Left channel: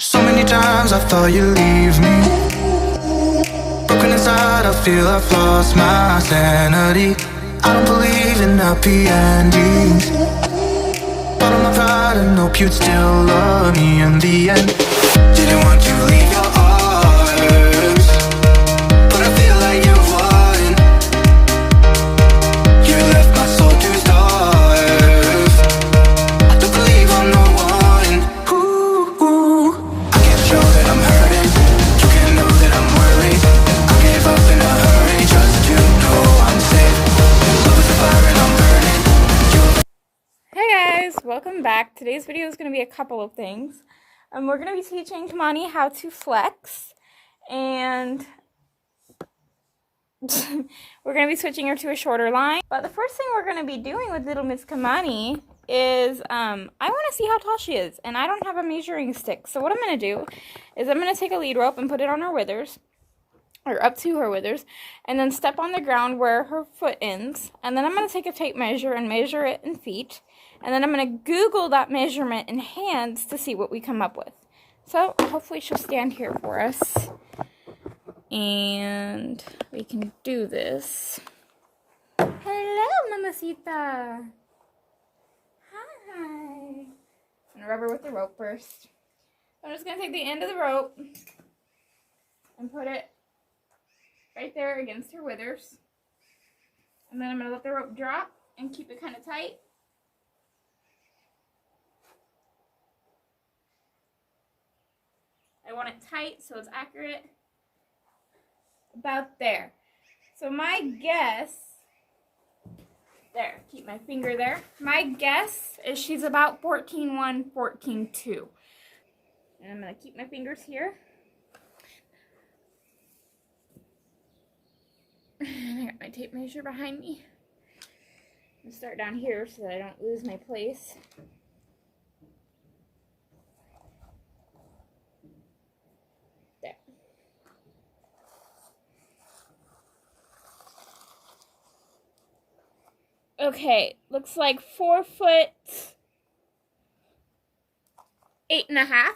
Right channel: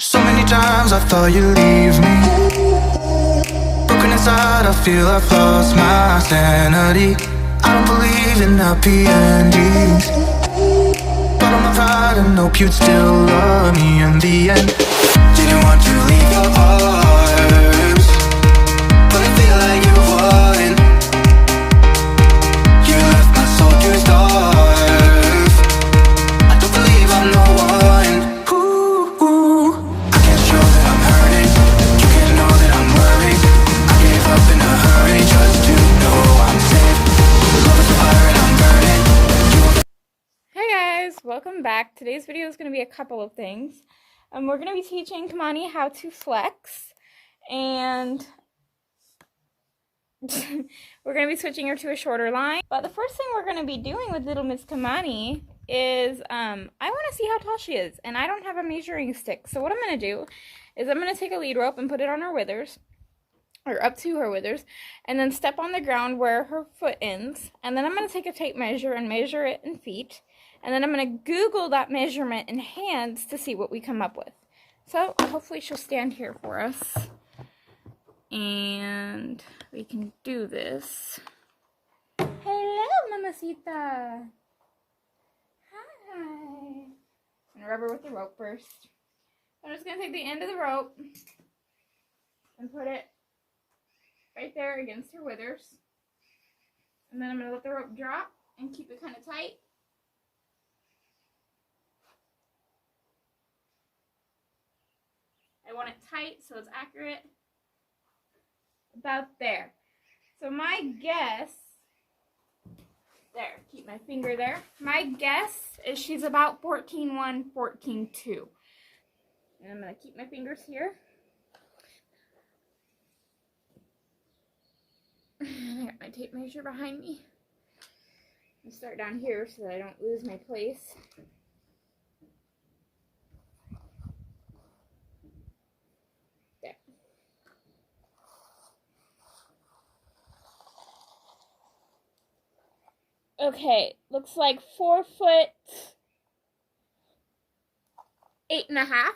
So many times I thought you'd leave me. Broken inside, I feel I've lost my sanity. I don't believe in happy endings. Bottle my pride and hope you'd still love me in the end. Didn't want to leave your arms, but I feel like you won. You left my soul to starve. I don't believe I'm the one. Ooh, I can't show that I'm hurting. You can't know that I'm worried. I gave up in a hurry just to know I'm safe. Love is a fire and I'm burning. Hey guys, welcome back. Today's video is going to be a couple of things. We're going to be teaching Kamani how to flex, and we're going to be switching her to a shorter line. But the first thing we're going to be doing with little Miss Kamani is, I want to see how tall she is, and I don't have a measuring stick. So what I'm going to do is I'm going to take a lead rope and put it on her withers, or up to her withers, and then step on the ground where her foot ends, and then I'm going to take a tape measure and measure it in feet, and then I'm going to Google that measurement in hands to see what we come up with. So hopefully she'll stand here for us, and we can do this. Hello, Mamacita. Hi. I'm going to rub her with the rope first. I'm just going to take the end of the rope and put it right there against her withers. And then I'm going to let the rope drop and keep it kind of tight. I want it tight so it's accurate. About there. So my guess, there, keep my finger there. My guess is she's about 14.1, 14.2. And I'm going to keep my fingers here. I got my tape measure behind me. I'm going to start down here so that I don't lose my place. There. Okay, looks like 4 foot 8.5.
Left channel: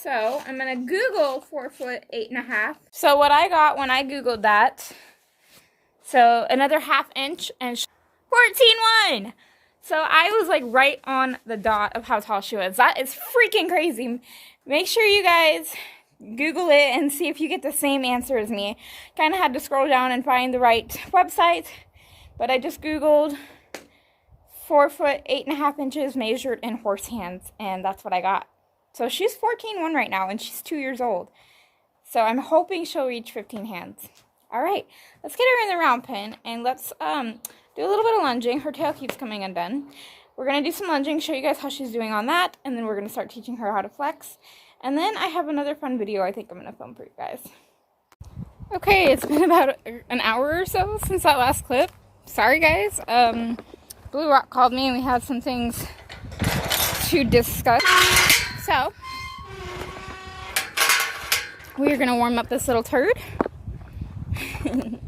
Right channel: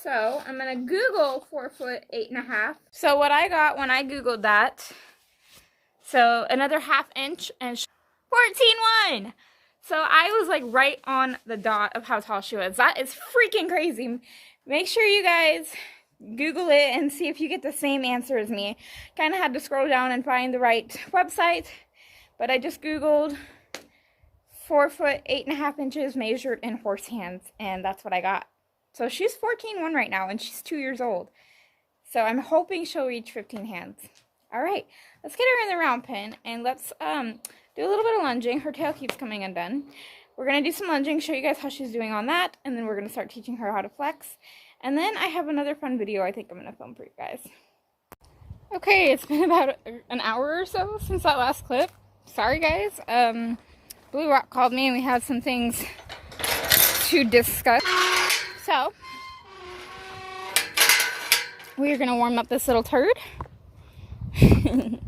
So I'm going to Google 4 foot 8.5. So what I got when I Googled that, so another ½ inch and 14.1. So I was like right on the dot of how tall she was. That is freaking crazy. Make sure you guys Google it and see if you get the same answer as me. Kind of had to scroll down and find the right website, but I just Googled 4 foot 8.5 inches measured in horse hands, and that's what I got. So she's 14.1 right now, and she's 2 years old. So I'm hoping she'll reach 15 hands. All right, let's get her in the round pen, and let's do a little bit of lunging. Her tail keeps coming undone. We're going to do some lunging, show you guys how she's doing on that, and then we're going to start teaching her how to flex. And then I have another fun video I think I'm going to film for you guys. Okay, it's been about an hour or so since that last clip. Sorry, guys. Blue Rock called me, and we had some things to discuss. So, we are going to warm up this little turd. I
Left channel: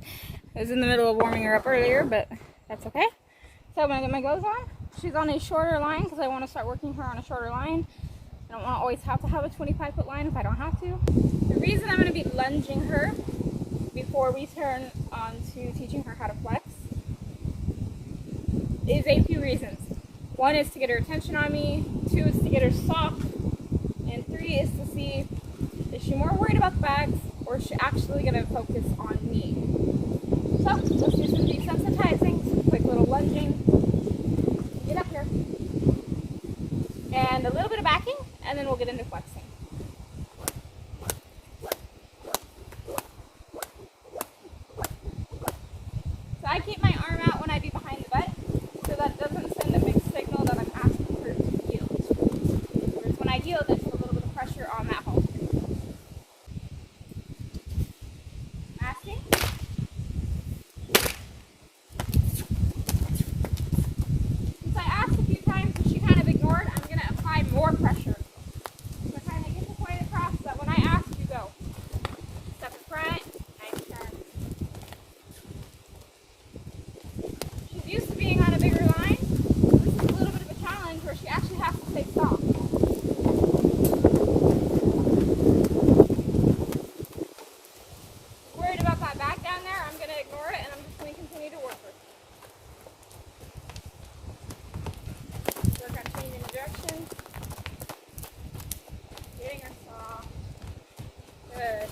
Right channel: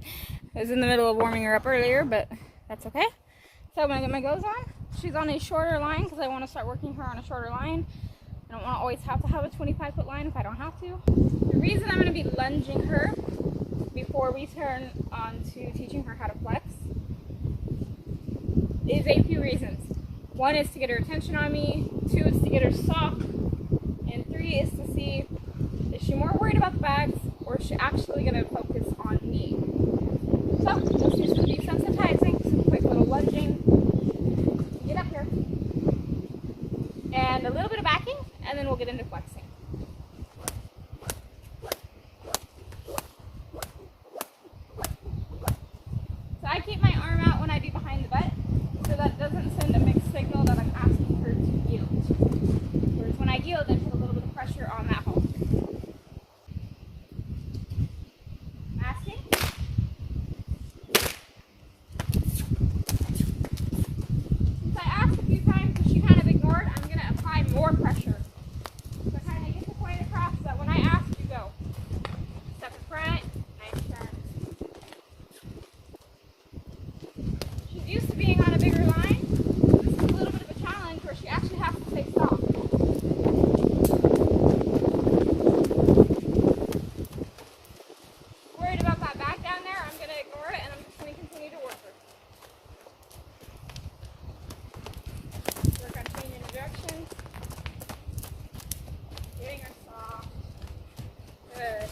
was in the middle of warming her up earlier, but that's okay. So I'm going to get my goes on. She's on a shorter line because I want to start working her on a shorter line. I don't want to always have to have a 25-foot line if I don't have to. The reason I'm going to be lunging her before we turn on to teaching her how to flex is a few reasons. 1 is to get her attention on me. 2 is to get her soft. And 3 is to see if she's more worried about the bags or is she actually going to focus on me. So, let's do some desensitizing, some quick little lunging. Get up here. And a little bit of backing, and then we'll get into flexing. So I keep my arm out when I be behind the butt, so that doesn't send a mixed signal that I'm asking her to yield. Whereas when I yield, I put a little bit of pressure on that halter. Asking. Since I asked a few times and she kind of ignored, I'm going to apply more pressure. So kind of get the point across that when I ask, you go. Step in front, nice turn. She's used to being on a bigger line. So this is a little bit of a challenge where she actually has to say stop. Worried about that back down there, I'm going to ignore it and I'm just going to continue to work her. Work on changing the direction. Getting her saw. Good.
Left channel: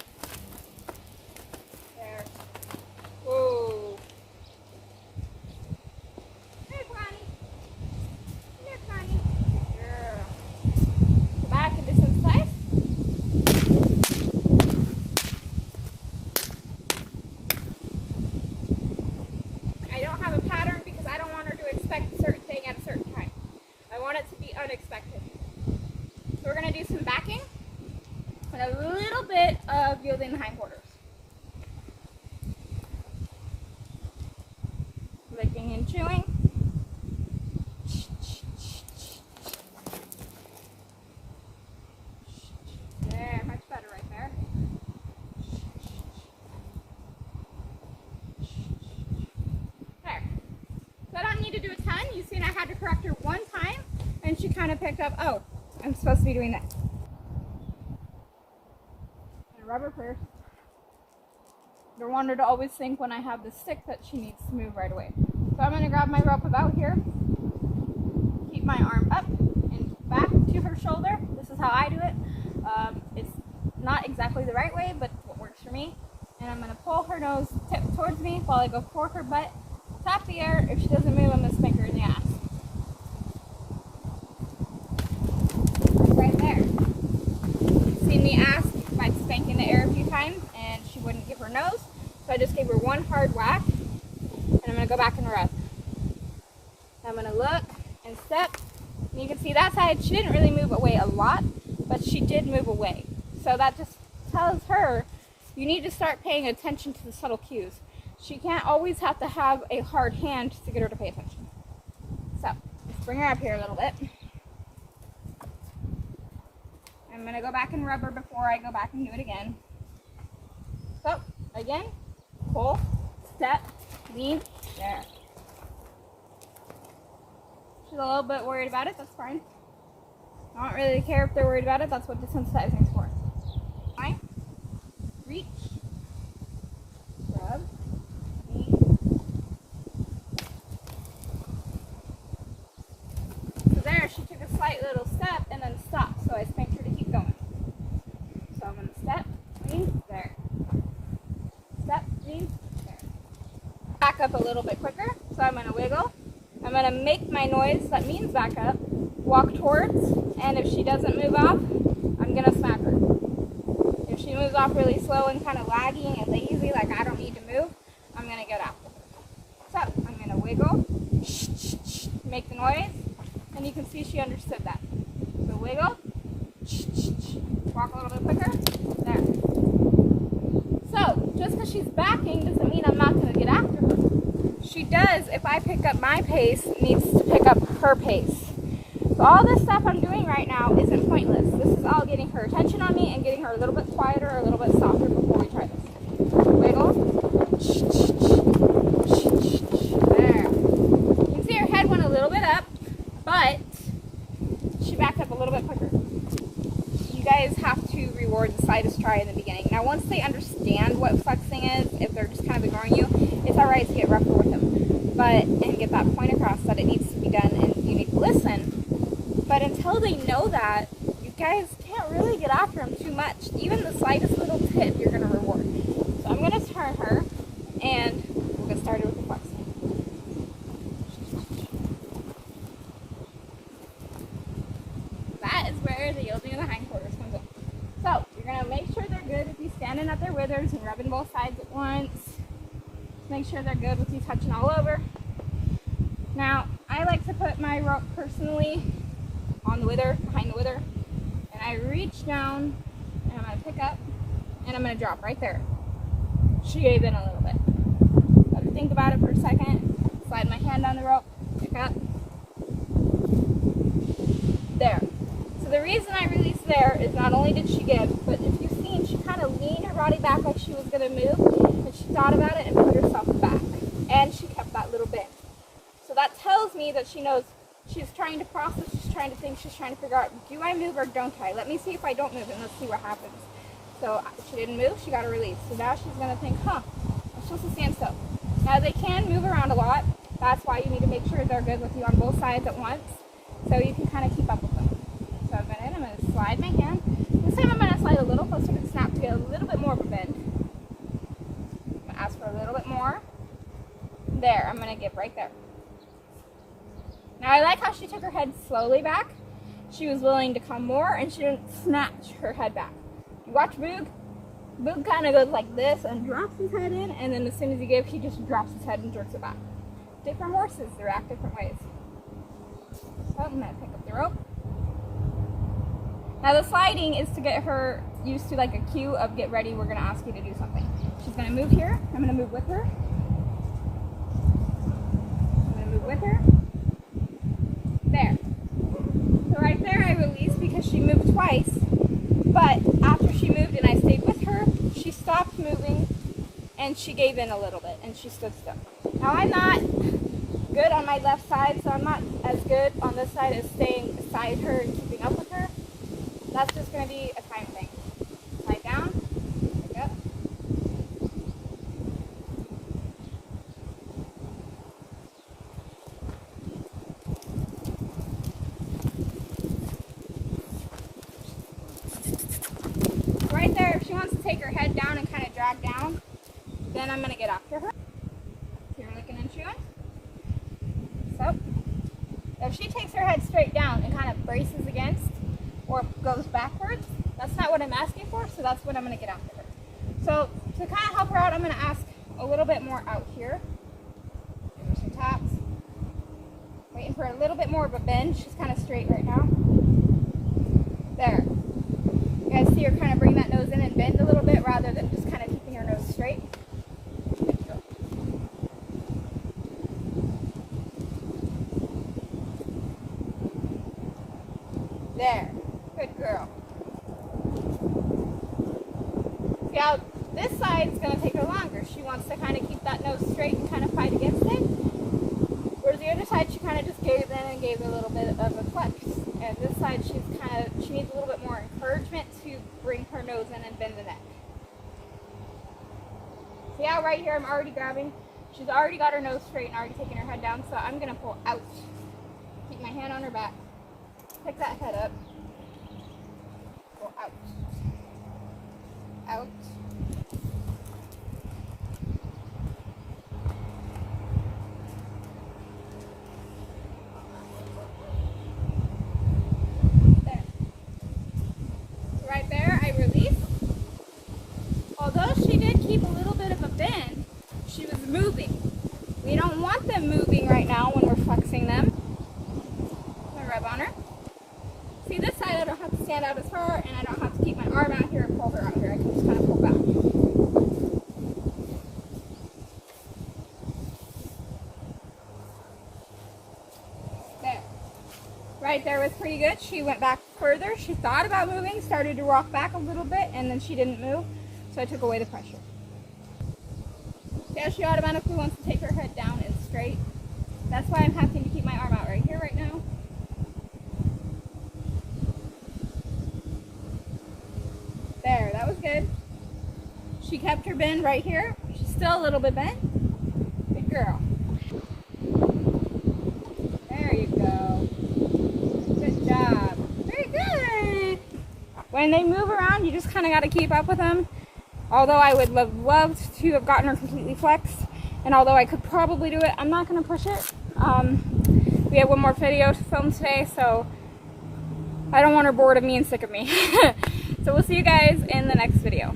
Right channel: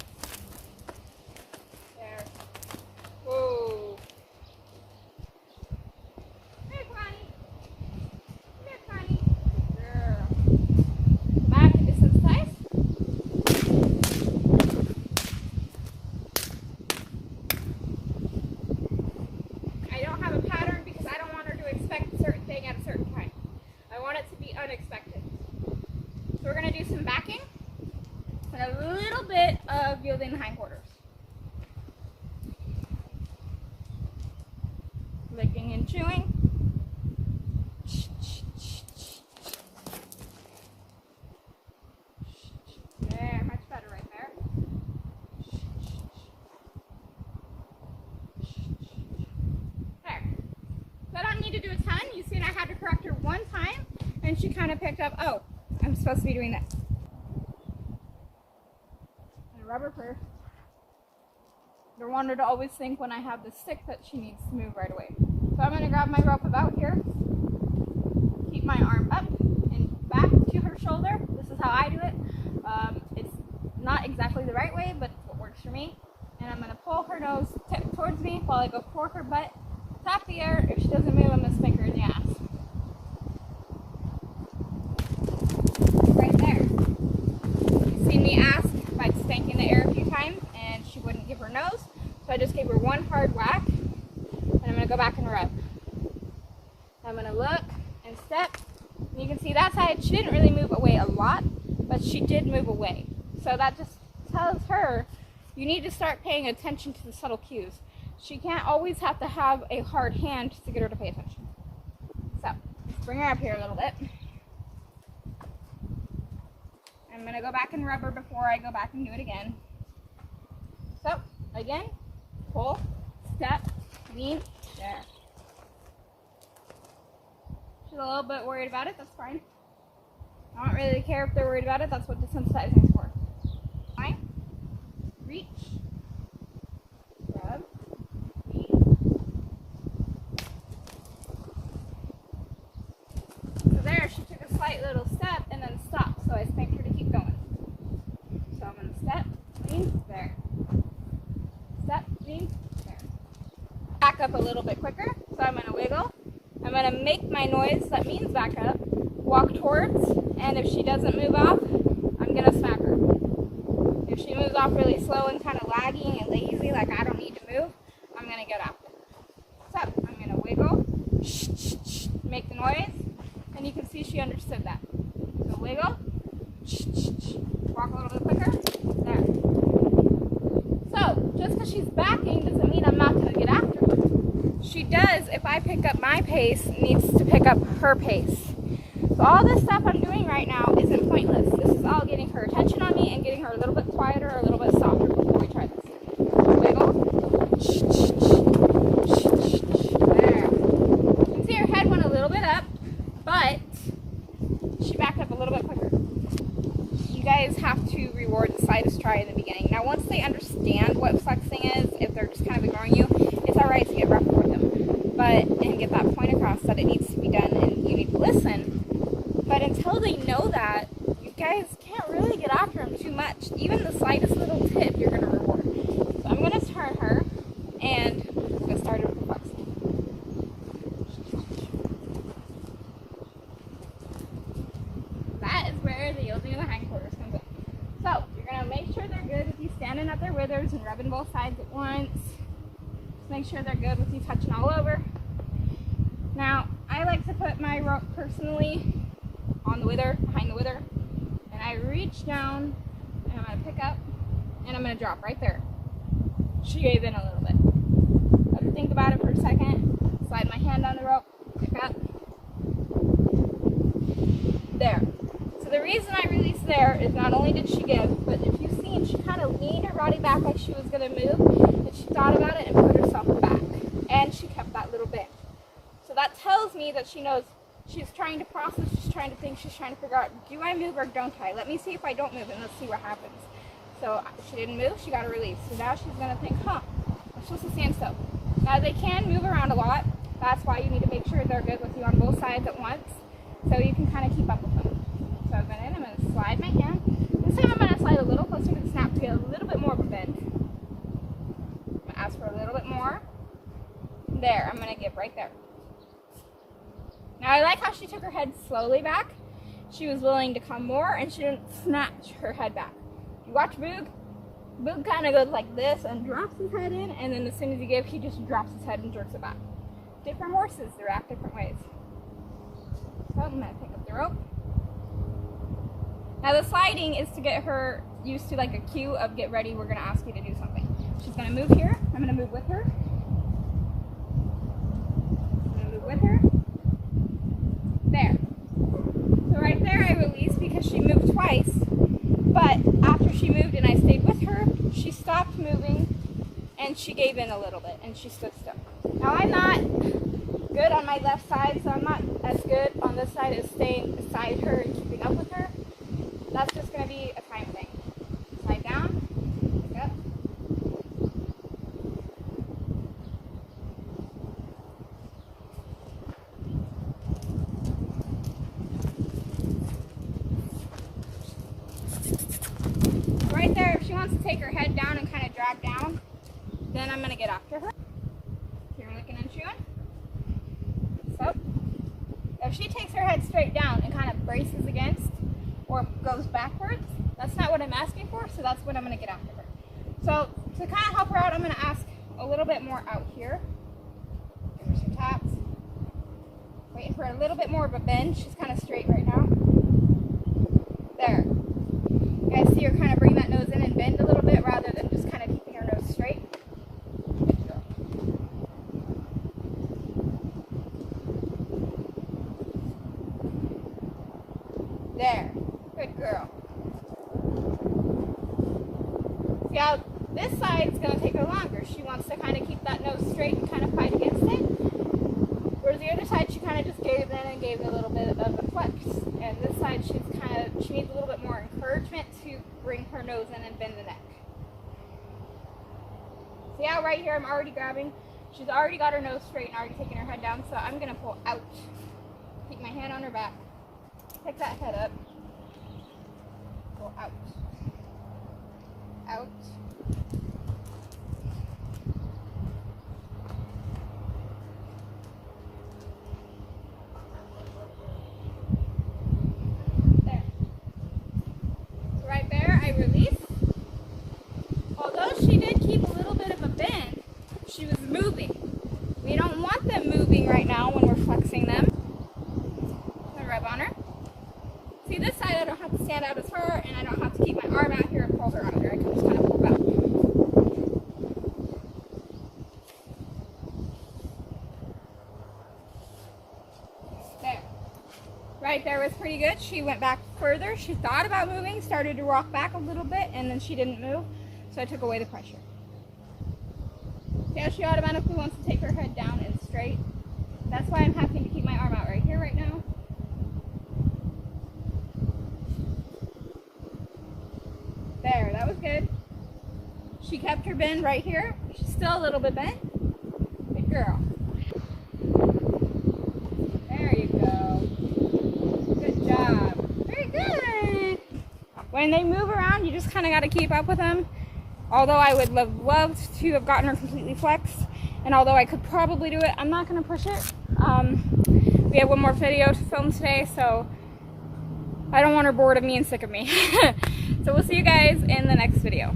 There. Whoa. Here, Connie. Here, Connie. Good girl. Go back and do some slice. I don't have a pattern because I don't want her to expect a certain thing at a certain time. I want it to be unexpected. So we're going to do some backing and a little bit of yielding the hindquarters. Licking and chewing. There, much better right there. There. So I don't need to do a ton. You seen I had to correct her one time and she kind of picked up, oh, I'm supposed to be doing this. And rubber first. Don't want her to always think when I have the stick that she needs to move right away. So I'm going to grab my rope about here, keep my arm up and back to her shoulder. This is how I do it. It's not exactly the right way, but it's what works for me. And I'm going to pull her nose tip towards me while I go for her butt. Tap the air. If she doesn't move, I'm going to spank her in the ass. Right there. You've seen me ask by spanking the air a few times and she wouldn't give her nose. So I just gave her one hard whack and I'm going to go back and rub. I'm going to look and step. And you can see that side, she didn't really move away a lot, but she did move away. So that just tells her you need to start paying attention to the subtle cues. She can't always have to have a hard hand to get her to pay attention. So let's bring her up here a little bit. I'm going to go back and rub her before I go back and do it again. So again, pull, step, lean, there. She's a little bit worried about it, that's fine. I don't really care if they're worried about it, that's what desensitizing is for. Fine. Reach, rub, lean. So there, she took a slight little step and then stopped, so I spanked her to keep going. So I'm going to step, lean, there. Step, lean, there. Back up a little bit quicker, so I'm going to wiggle. I'm going to make my noise, that means back up, walk towards, and if she doesn't move off, I'm going to smack her. If she moves off really slow and kind of lagging and lazy, like I don't need to move, I'm going to get after her. So I'm going to wiggle, make the noise, and you can see she understood that. So wiggle, walk a little bit quicker, there. So just because she's backing doesn't mean I'm not going to get after her. She does, if I pick up my pace, needs to pick up her pace. So all this stuff I'm doing right now isn't pointless. This is all getting her attention on me and getting her a little bit quieter, a little bit softer before we try this. Wiggle. There. You can see her head went a little bit up, but she backed up a little bit quicker. You guys have to reward the slightest try in the beginning. Now once they understand what flexing is, if they're just kind of ignoring you, it's alright to get rougher with them. And get that point across that it needs to be done and you need to listen. But until they know that, you guys can't really get after them too much. Even the slightest little tip you're going to reward. So I'm going to turn her and we'll get started with the flexing. That is where the yielding of the hindquarters comes in. So you're going to make sure they're good with you standing at their withers and rubbing both sides at once. Just make sure they're good with you touching all over. Now, I like to put my rope personally on the wither, behind the wither, and I reach down and I'm going to pick up and I'm going to drop right there. She gave in a little bit. Let her think about it for a second. Slide my hand on the rope, pick up. There. So the reason I released there is not only did she give, but if you've seen, she kind of leaned her body back like she was going to move, and she thought about it and put herself back. And she kept that little bit. So that tells me that she knows She's trying to process, she's trying to think, she's trying to figure out, do I move or don't I? Let me see if I don't move and let's see what happens. So she didn't move, she got a release. So now she's going to think, huh, I'm supposed to stand still. Now they can move around a lot. That's why you need to make sure they're good with you on both sides at once, so you can kind of keep up with them. So I'm going to slide my hand. This time I'm going to slide a little closer to the snap to get a little bit more of a bend. I'm going to ask for a little bit more. There, I'm going to give right there. Now I like how she took her head slowly back. She was willing to come more and she didn't snatch her head back. You watch Boog. Boog kind of goes like this and drops his head in, and then as soon as you give, he just drops his head and jerks it back. Different horses, they react different ways. So I'm going to pick up the rope. Now the sliding is to get her used to like a cue of get ready, we're going to ask you to do something. She's going to move here. I'm going to move with her. I'm going to move with her. There. So right there I released because she moved twice. But after she moved and I stayed with her, she stopped moving and she gave in a little bit and she stood still. Now I'm not good on my left side, so I'm not as good on this side as staying beside her and keeping up with her. That's just going to be a time thing. Slide down, pick up. Right there, if she wants to take her head down and kind of drag down, then I'm going to get after her. So you're looking and chewing. So, if she takes her head straight down and kind of braces against or goes backwards, that's not what I'm asking for, so that's what I'm going to get after her. So, to kind of help her out, I'm going to ask a little bit more out here. Give her some taps. Waiting for a little bit more of a bend. She's kind of straight right now. There. You guys see her kind of bring that nose in and bend a little bit rather than just kind of keeping her nose straight. Good girl. There. Good girl. See how this side is going to take her longer. She wants to kind of keep that nose straight and kind of fight against it. Whereas the other side, she kind of just gave in and gave a little bit of a flex. And this side, she needs a little bit more encouragement to bring her nose in and bend the neck. See how right here I'm already grabbing? She's already got her nose straight and already taking her head down, so I'm going to pull out. Keep my hand on her back. Pick that head up. Go out. Out. There. So right there, I release. Although she did keep a little bit of a bend, she was moving. We don't want them moving right now when we're flexing them. I'm going to rub on her. See, this side I don't have to stand out as far, and I don't have to keep my arm out here and pull her out of here. I can just kind of pull back. There. Right there was pretty good. She went back further. She thought about moving, started to rock back a little bit, and then she didn't move, so I took away the pressure. Yeah, she automatically wants to take her head down and straight. That's why I'm having to keep my arm out right here right now. There, that was good. She kept her bend right here. She's still a little bit bent. Good girl. There you go. Good job. Very good. When they move around, you just kind of got to keep up with them. Although I would have loved to have gotten her completely flexed, and although I could probably do it, I'm not going to push it. We have one more video to film today, so I don't want her bored of me and sick of me. So we'll see you guys in the next video.